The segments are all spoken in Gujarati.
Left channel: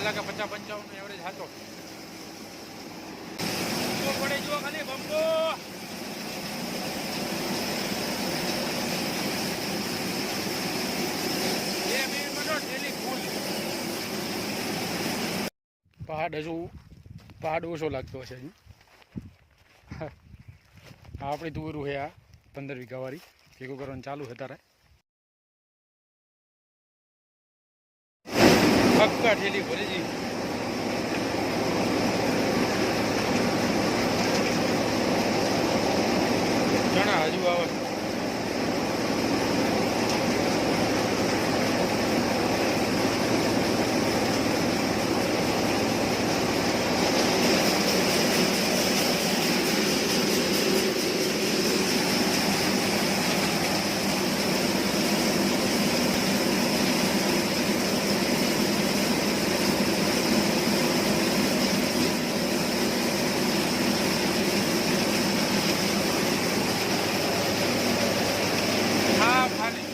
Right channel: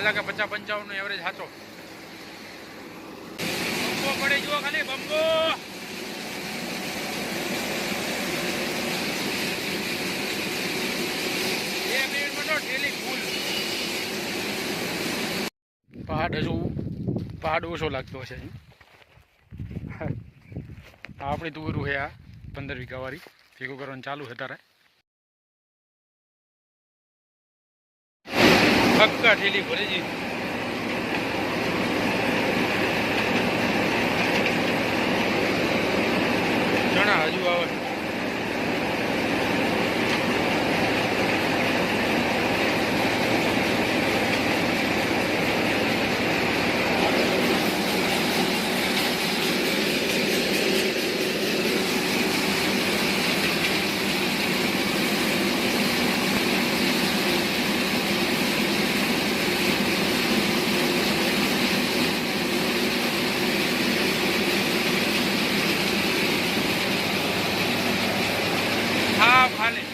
કલાકે 50-55 એવરેજ હાચો બમ્બો પડે જુઓ ખાલી બમ્બો 2 મિનિટમાં તો ઠેલી ફૂલ પહાડ ઓછો લાગતો હશે હજુ આપણી તુવેરું છે આ 15 વીઘા વાળી ભેગું કરવાનું ચાલુ છે તારે પક્કા ઠેલી ભરે જી ચણા હજુ આવે હા ખાલી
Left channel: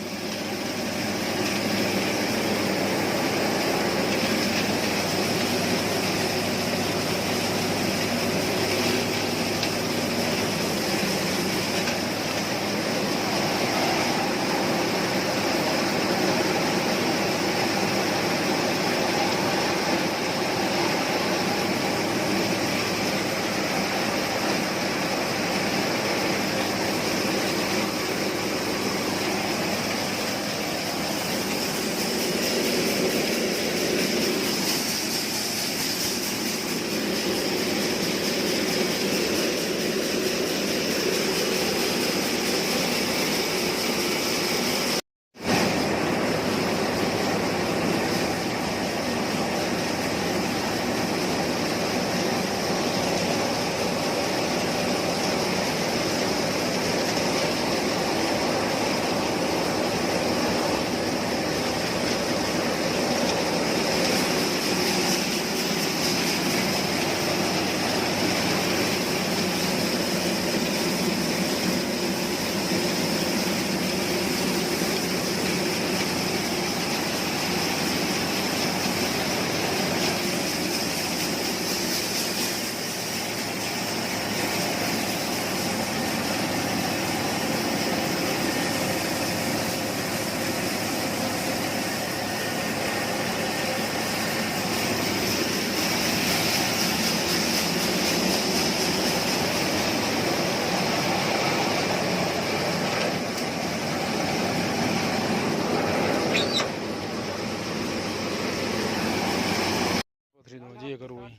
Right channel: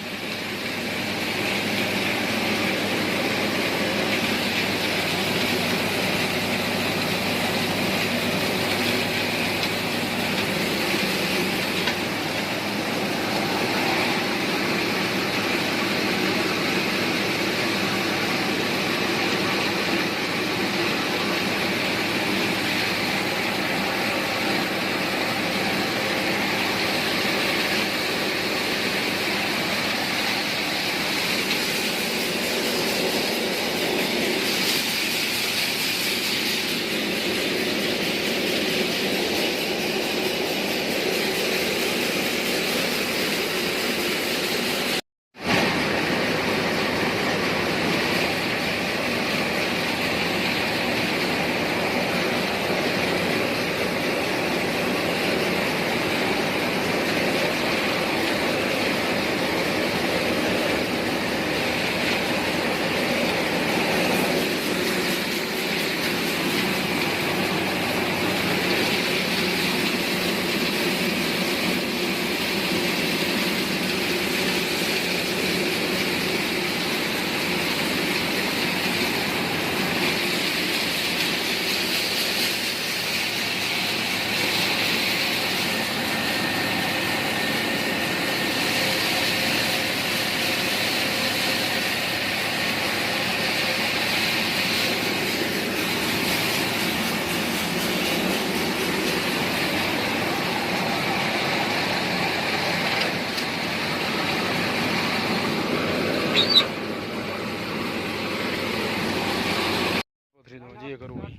જે કરવું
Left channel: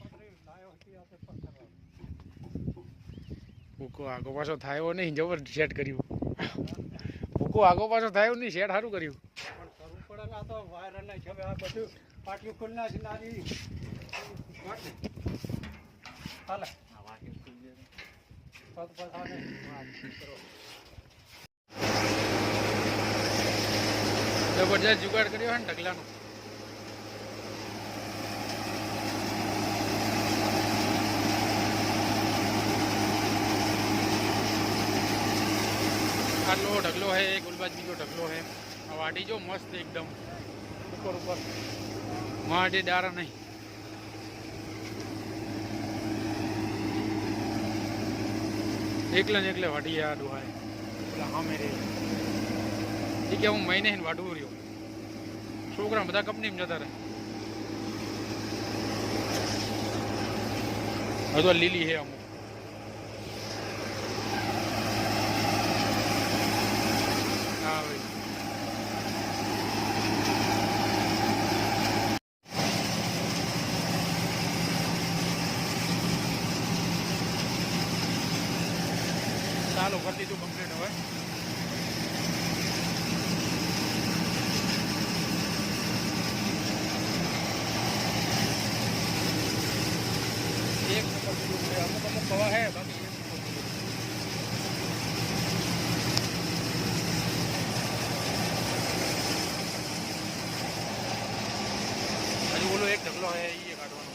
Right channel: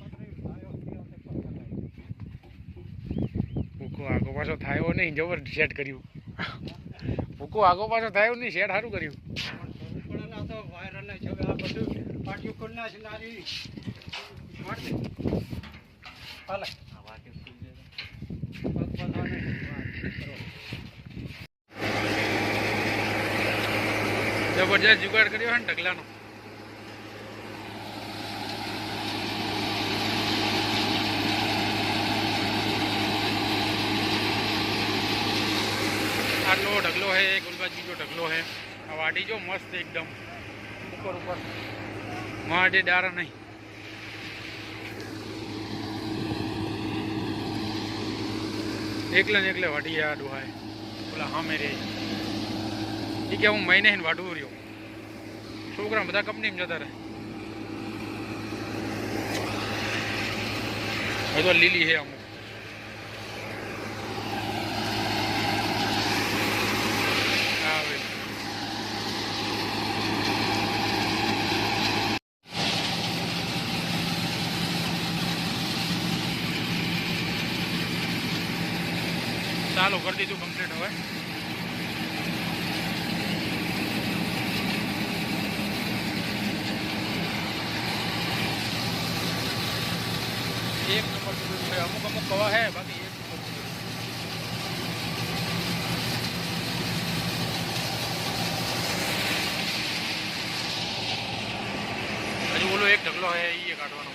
ભૂકો આગો પાછો થાય નહીં જબર સેટ કર્યું ભૂકો આગો પાછો થાય નહીં સેટ સારું કર્યું જબરજસ્ત જુગાડ કર્યો છે ને ઢગલાનો આટલો ઢગલો है गुलबाज बीजो ढगलो है आ वाटी जो मस्त एकदम ऊपर ऊपर माटे डारा नहीं एकला ने एकले वाटी आ डुहा है बोला हाँ मेरे ठीक है हूँ महीने ही वाटू रही छोकरा बता कंपनी में जता रहे तो लीली है अमुक चालू कर दीधु कम्प्लीट हवे एक नंबर अमुक अमुक कवा है बाकी एक नंबर हजू बोलो एक ढगलो है ये काटवानो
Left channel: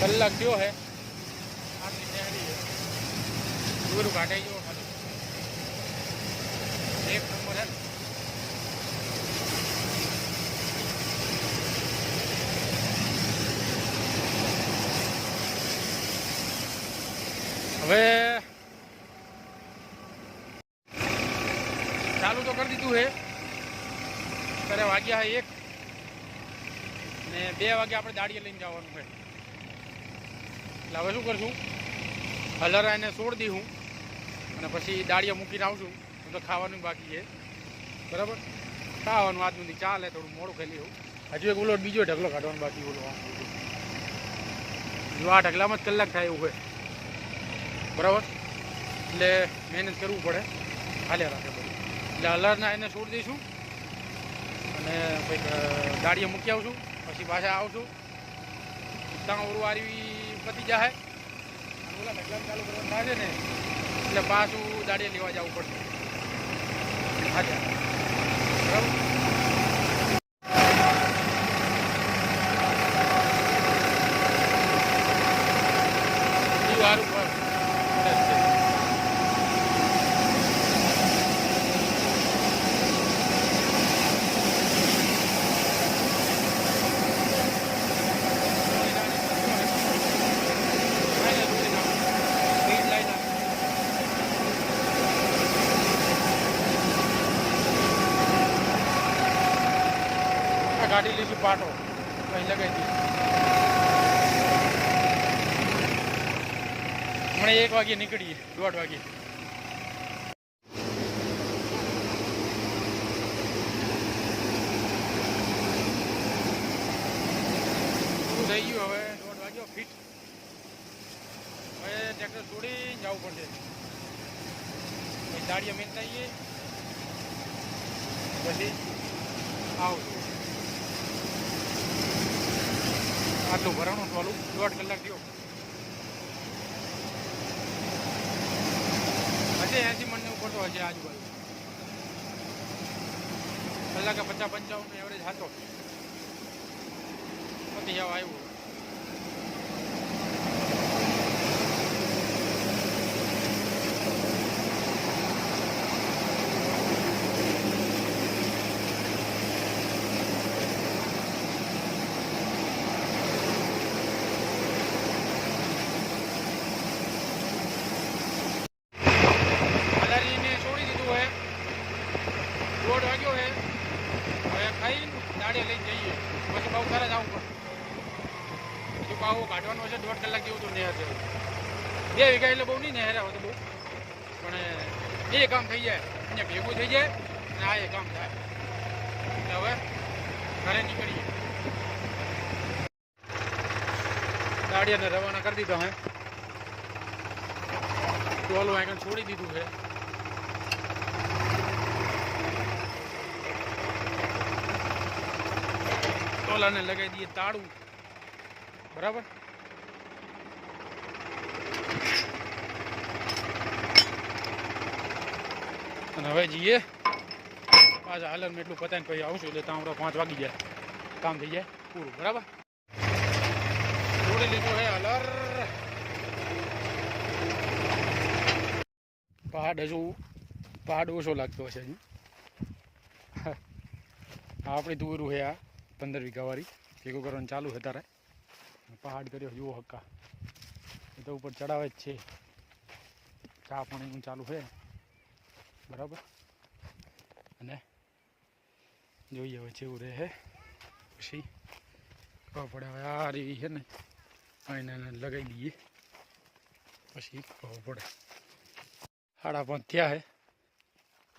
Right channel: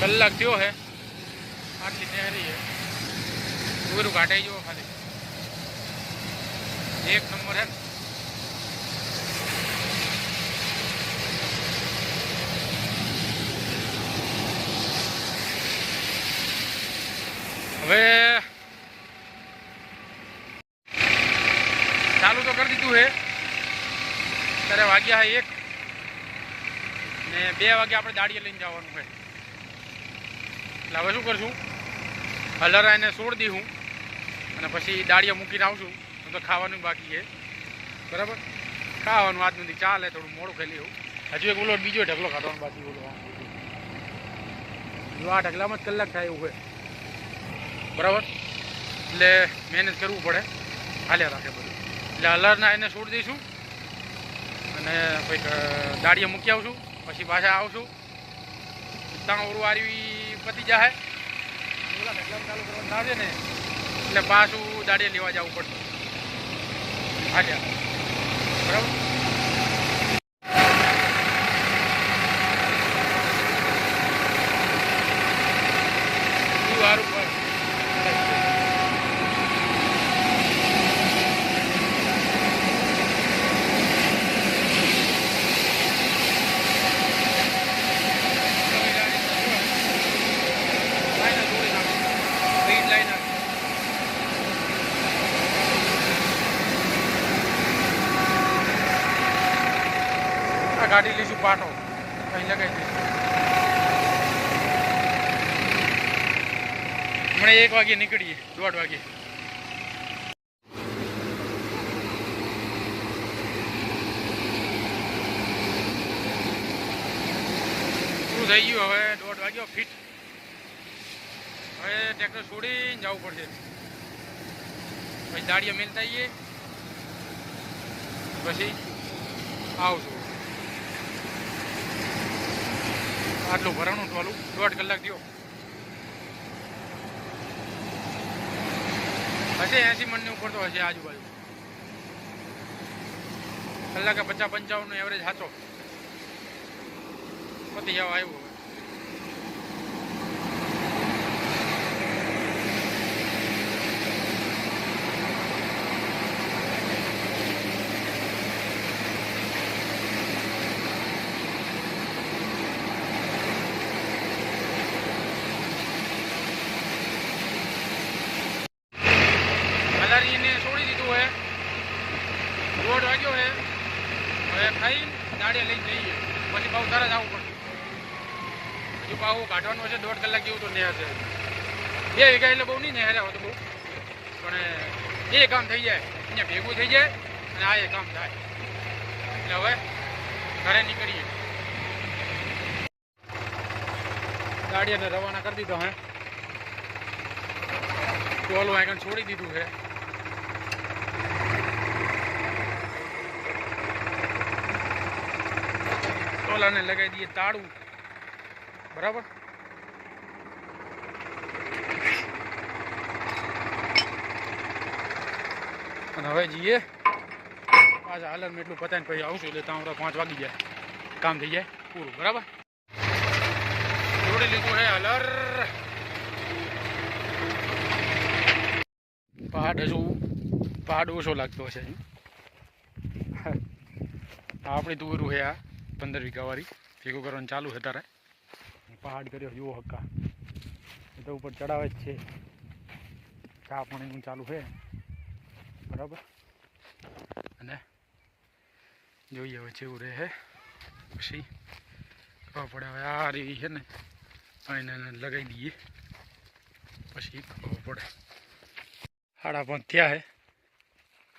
કલાક થયો હે આટલી તૈયારી છે બધું કાઢાઈ જવો ખાલી એક નંબર હે હવે ચાલુ તો કરી દીધું હે ત્યારે વાગ્યા હે 1 ને 2 વાગે આપણે દાડીએ લઈને જવાનું છે એટલે હવે શું કરશું હલરા એને છોડી દઉં અને પછી દાડીએ મૂકીને આવશું તો ખાવાનું બાકી છે બરાબર ખાવાનું આજ નથી ચાલે થોડું મોડું ખાઈ લેવું હજુ એક બોલો બીજો ઢગલો કાઢવાનો બાકી બોલો આમ બીજું જો આ ઢગલામાં જ કલાક થાય એવું હોય બરાબર એટલે મહેનત કરવું પડે હાલ્યા રાખે બધું એટલે હલરના એને છોડી દઈશું અને કંઈક દાડીએ મૂકી આવશું પછી પાછા આવશું ત્યાં ઉરવારી પતી જાય અને ઓલા ઢગલામાં ચાલુ કરવાનું ના છે ને એટલે પાછું દાડીએ લેવા જવું પડશે હાલ્યા બરાબર સારું પર ગાડી લઈશું પાટો અહીં લગાવી દઈશું હમણાં 1 વાગે નીકળીએ 1:30 વાગે પૂરું થઈ ગયું હવે 1:30 વાગ્યો ફિટ હવે ટ્રેક્ટર છોડીને જવું પડશે પછી દાડીએ મેલતા આવીએ પછી આવશું આટલું ભરણું ટોલું 1.5 કલાક થયો હશે 80 મણની ઉપર તો હશે આજુબાજુ કલાકે 50-55 એવરેજ હતો પતી જવા આવ્યું હલારીને છોડી દીધું હે 1:30 વાગ્યો હે હવે ખાઈને દાડીએ લઈને જઈએ પછી બહુ તરત આવવું પડશે હજુ પાવું કાઢવાનું હશે 1.5 કલાક જેવું તો નહેર છે 2 વીઘા એટલે બહુ નહીં નહેર આવે તો બહુ પણ એ કામ થઈ જાય અહીંયા ભેગું થઈ જાય અને આ એ કામ થાય એટલે હવે ઘરે નીકળીએ દાડીયાને રવાના કરી દીધો હે ટોલું આગળ છોડી દીધું છે ટોલાને લગાવી દઈએ તાળું બરાબર અને હવે જઈએ પાછા હાલરમાં એટલું પતાવીને પછી આવશું એટલે ત્યાં 5 વાગી જાય કામ થઈ જાય પૂરું બરાબર જોડી લીધું હે હલર પહાડ ઓછો લાગતો હશે આપણી દૂરું છે આ 15 વીઘા વાળી ભેગું કરવાનું ચાલુ છે તારે પહાડ કર્યો જુઓ હક્કા એ તો ઉપર ચડાવે જ છે ચા પાણીનું ચાલુ છે બરાબર અને જોઈએ હવે જેવું રહે પછી ખબર પડે હવે આ રહી છે ને એને લગાવી દઈએ પછી ખબર પડે 5:30 થયા હે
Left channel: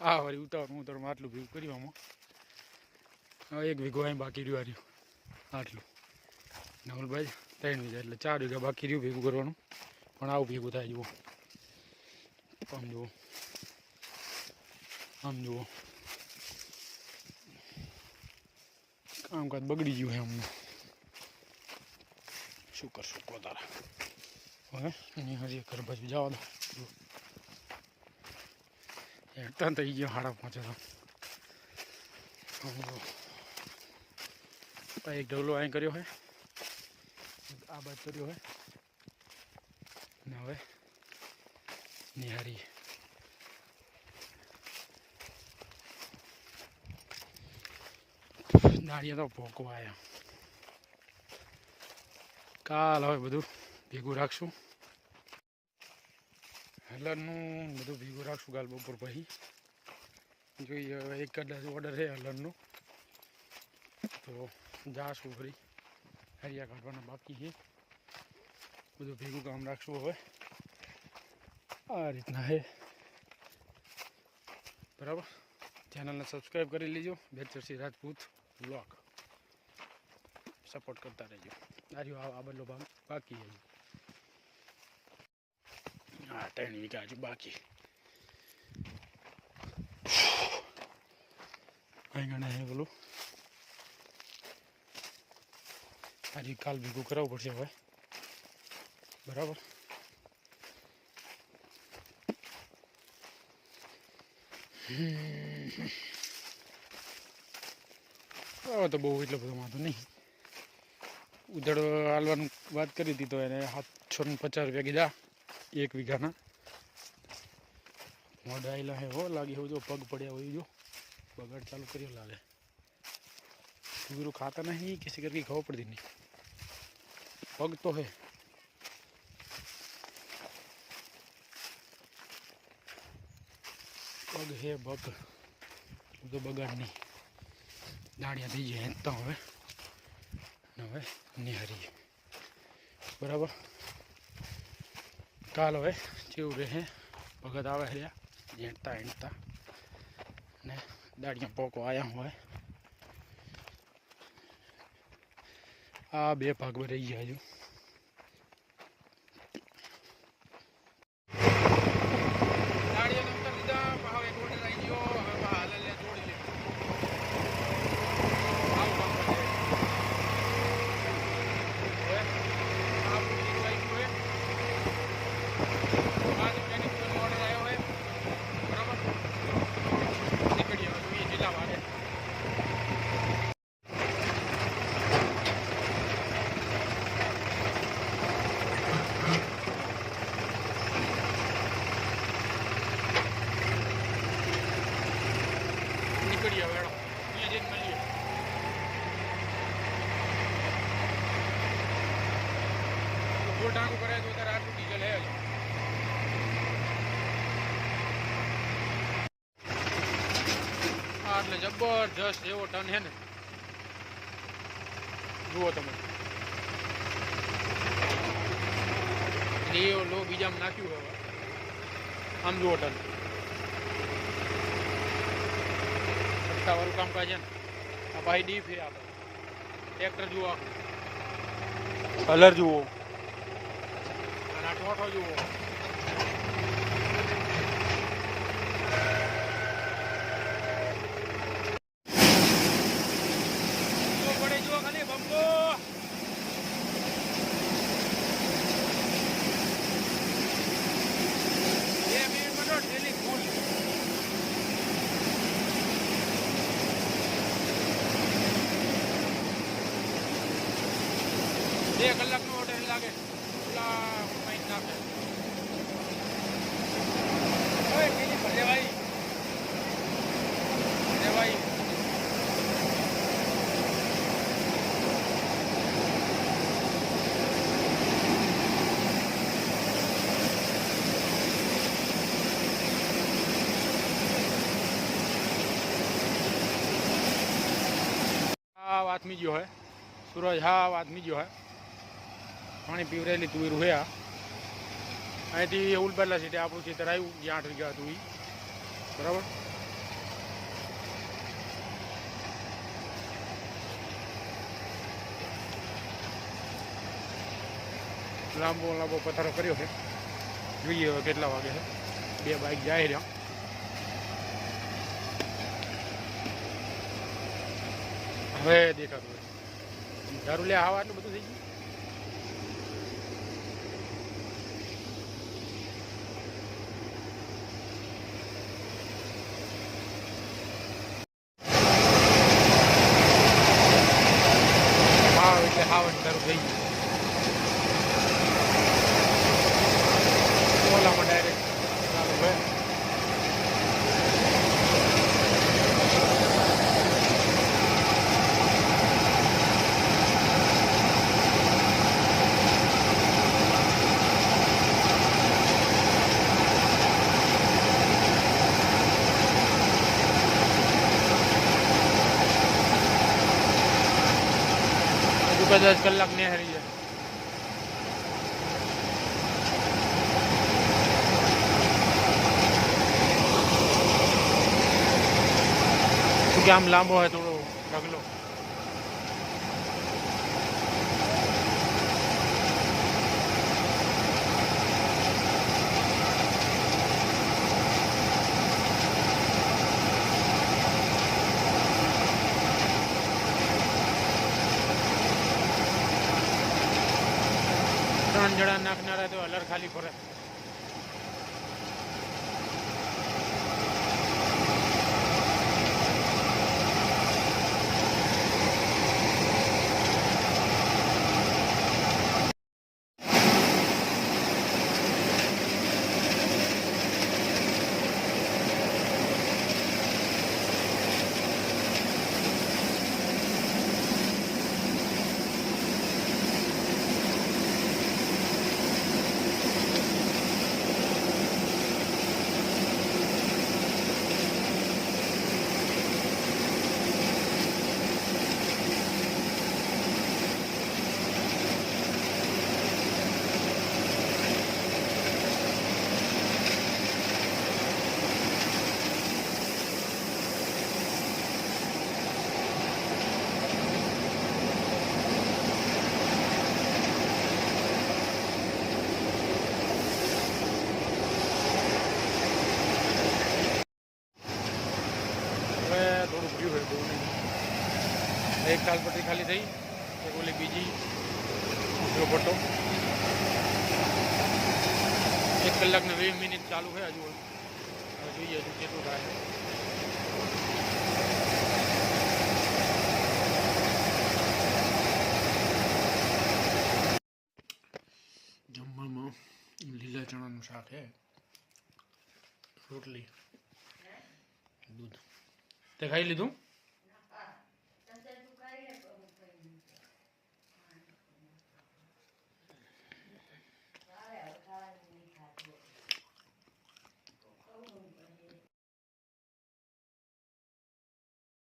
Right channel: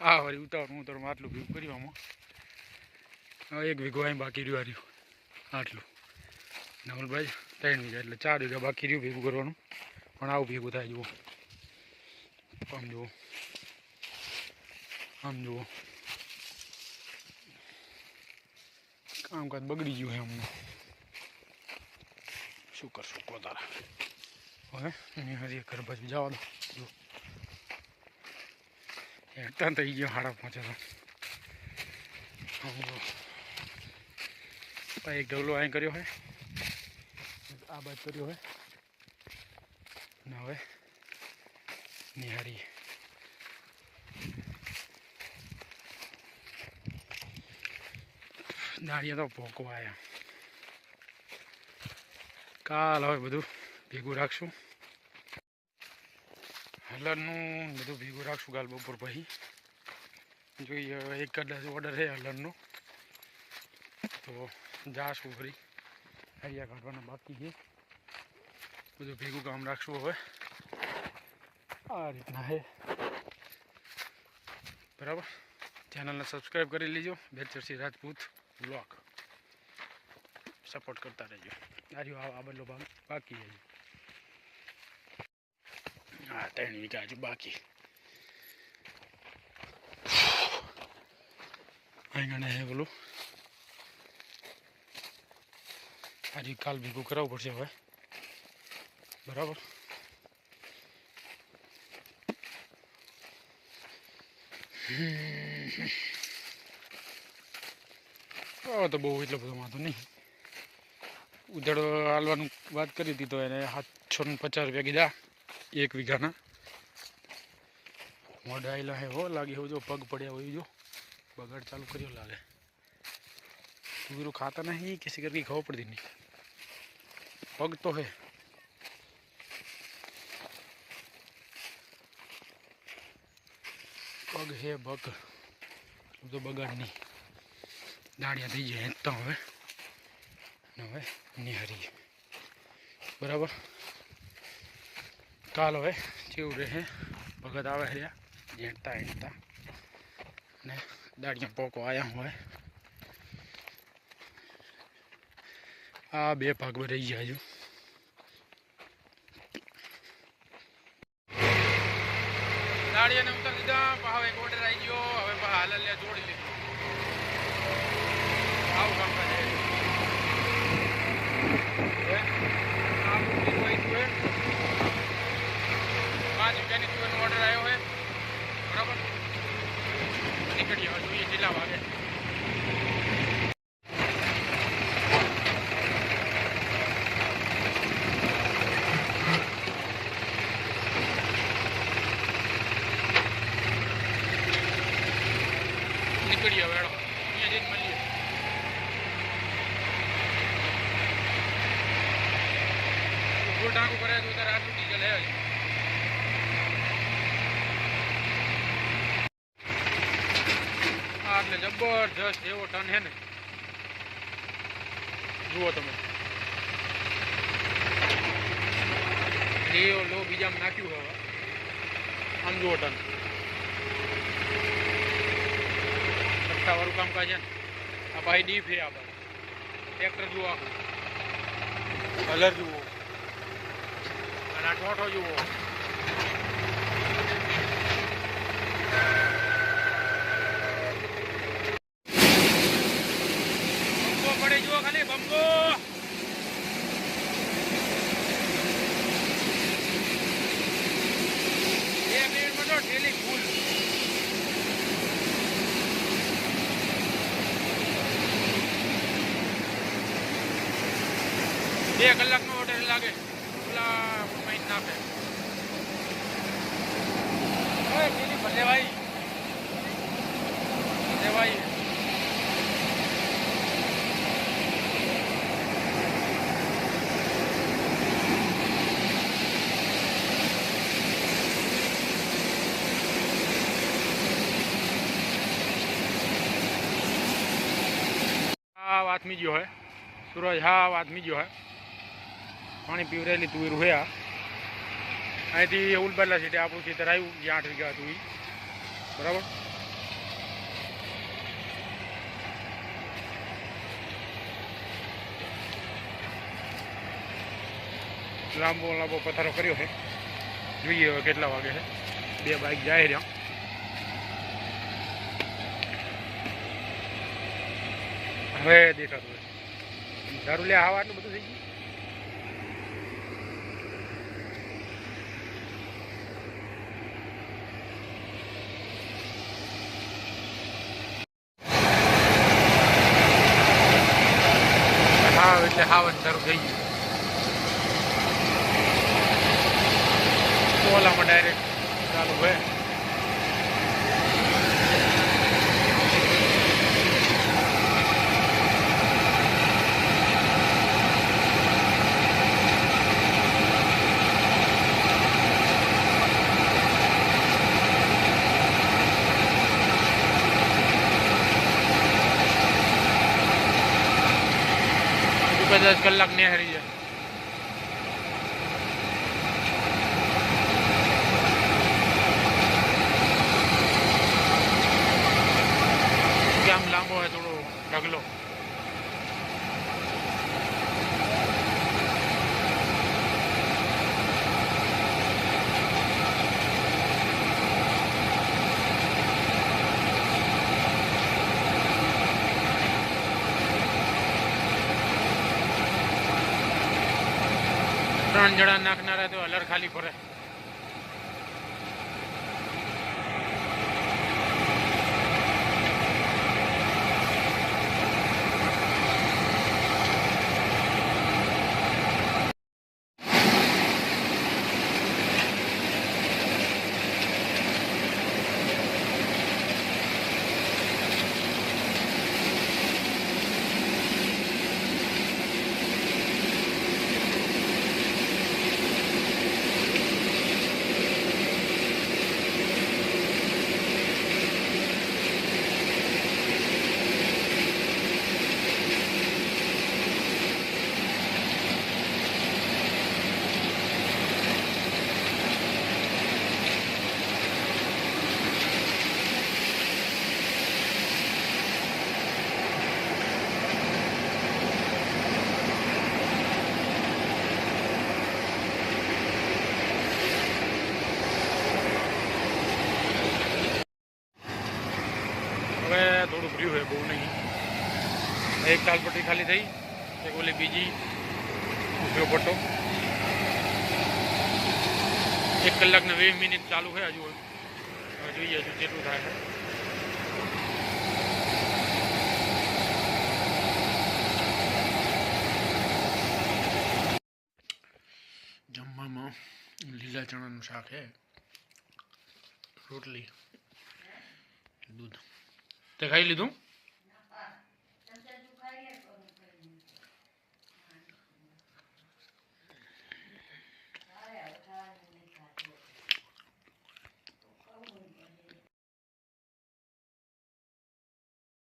આ વળી ઉતાવળમાં આટલું ભેગું કરવામાં 1 વીઘો અહીં બાકી રહ્યું આટલું નવલભાઈ 3 વીઘા એટલે 4 વીઘા બાકી રહ્યું ભેગું કરવાનું પણ આવું ભેગું થાય જુઓ આમ જુઓ કામકાજ બગડી ગયું છે અમને શું કરશું કહો તારા હવે હજી ઘર બાજુ જવા દો હેઠા થઈ ગયો 5:30 એક ઢગલો અહીં કર્યો છે આ બાદ કર્યો હવે ને હવે નિહારી દાળિયા તો ભોગવા આવ્યા. કાલ હવે બધું ભેગું રાખશું, હલરનું બધું ભેગું રાખશું કાલ બપોર પછી. જોઈએ હવે એક કદાચ ઓર્ડર છે હલરનો, તો જાશું ફરી હરિયા કાઢવાના બાકી છે. બધું ભેગું કામ રાખશું હવે. આ રીતના છે બરાબર. ચેનલને સબસ્ક્રાઈબ કરી લેજો. બેચરસિંહ રાજપૂત બ્લોગ સપોર્ટ કરતા રહેજો. આ બધો ભાગ બાકી છે. હા 3 વીઘા હજુ બાકી. અહીં હે પેલું આજે કાલ ભેગું કરાવવું પડશે હવે બરાબર. તો બહુ એટલો બધો વાંધો નહીં. ઉધડ હાલવાનું વાત કરી હતી તો એને 750 રૂપિયા કીધા 1 વીઘાના. મોઢા આવેલા હે હો લાગે એવું. જો પગ પડ્યા હોય જો બગાડ ચાલુ કર્યો લાગે. તુવેરું खाता नहीं किसी करके खबर पड़ती नहीं. पग तो है पग है पग तो बगाड़ नहीं. दाड़िया थी जाए तो હવે હવે નિહારી બરાબર. કાલ હવે જેવું રહે ભગત આવે રહ્યા જેણતા એણતા ને દાડિયા પોકો આવ્યા હોય. આ 2 ભાગમાં રહી જાય. દાડિયાને ઉતાર દીધા. હવે એક ઓર્ડર આવી ગયો. હવે હાલલ્યા જોડી લીધું. આવું કામ કરે ઓર્ડર આવ્યો હોય બરાબર. નીકળી હવે જોઈએ કેટલા વાગે. નીકળીએ હવે અહીંયા જઈને મળીએ. ગોળ ટાંકું કરે તો ત્યારે આટલું ડીઝલ હે. એટલે જબરજસ્ત એવો ટન છે ને. જુઓ તમે લો બીજામાં નાખ્યું હવે. આમ જુઓ ટન 7 વાળું કામકાજ છે ને. આ ભાઈ ડીપ છે. આ ભાઈ ટ્રેક્ટર જુઓ આખું. કલર જુઓ અને આ ટોટો જુઓ. પડે જુઓ ખાલી બંકો. 2 મિનિટમાં તો ડેલી ફૂલ. બે કલાકનો ઓર્ડર લાગે. ઓલા મહિને નાખે ભલે ભાઈ ભાઈ. હા વાત મી ગયો હે સૂરજ. હા વાત મી ગયો હે. પાણી પીવરેલી તુવેરું હે. આ અહીંથી ઉલબરલા સીટે આપણું ખેતર આવ્યું જ્યાં 8 વીઘા હતું એ બરાબર. લાંબો લાંબો પથારો કર્યો છે. જોઈએ હવે કેટલા વાગે છે. 2 બાઇક જાય રહ્યા. હવે દેખાતું હોય દારૂ લે. આવા આટલું બધું થઈ ગયું. હા એટલે હાવન સારું થઈ ગયું. ઓલામાં ડાયરેક્ટ ચાલુ હોય. હજુ 10 કલાક નેહરી જાય. કે આમ લાંબો હોય થોડો ઢગલો. ત્રણ જણા નાખનારા તો હલર ખાલી ફરે. હવે થોડું ભર્યું હોય, બહુ નહીં. એક તાલપટ્ટી ખાલી થઈ, એક ઓલી બીજી ઉભ્યો પટ્ટો. 1 કલાક ને 20 મિનિટ ચાલુ છે હજુ. હવે જોઈએ હજુ કેટલું થાય છે. જમવામાં લીલા ચણાનું શાક છે, રોટલી, દૂધ. તે ખાઈ લીધું?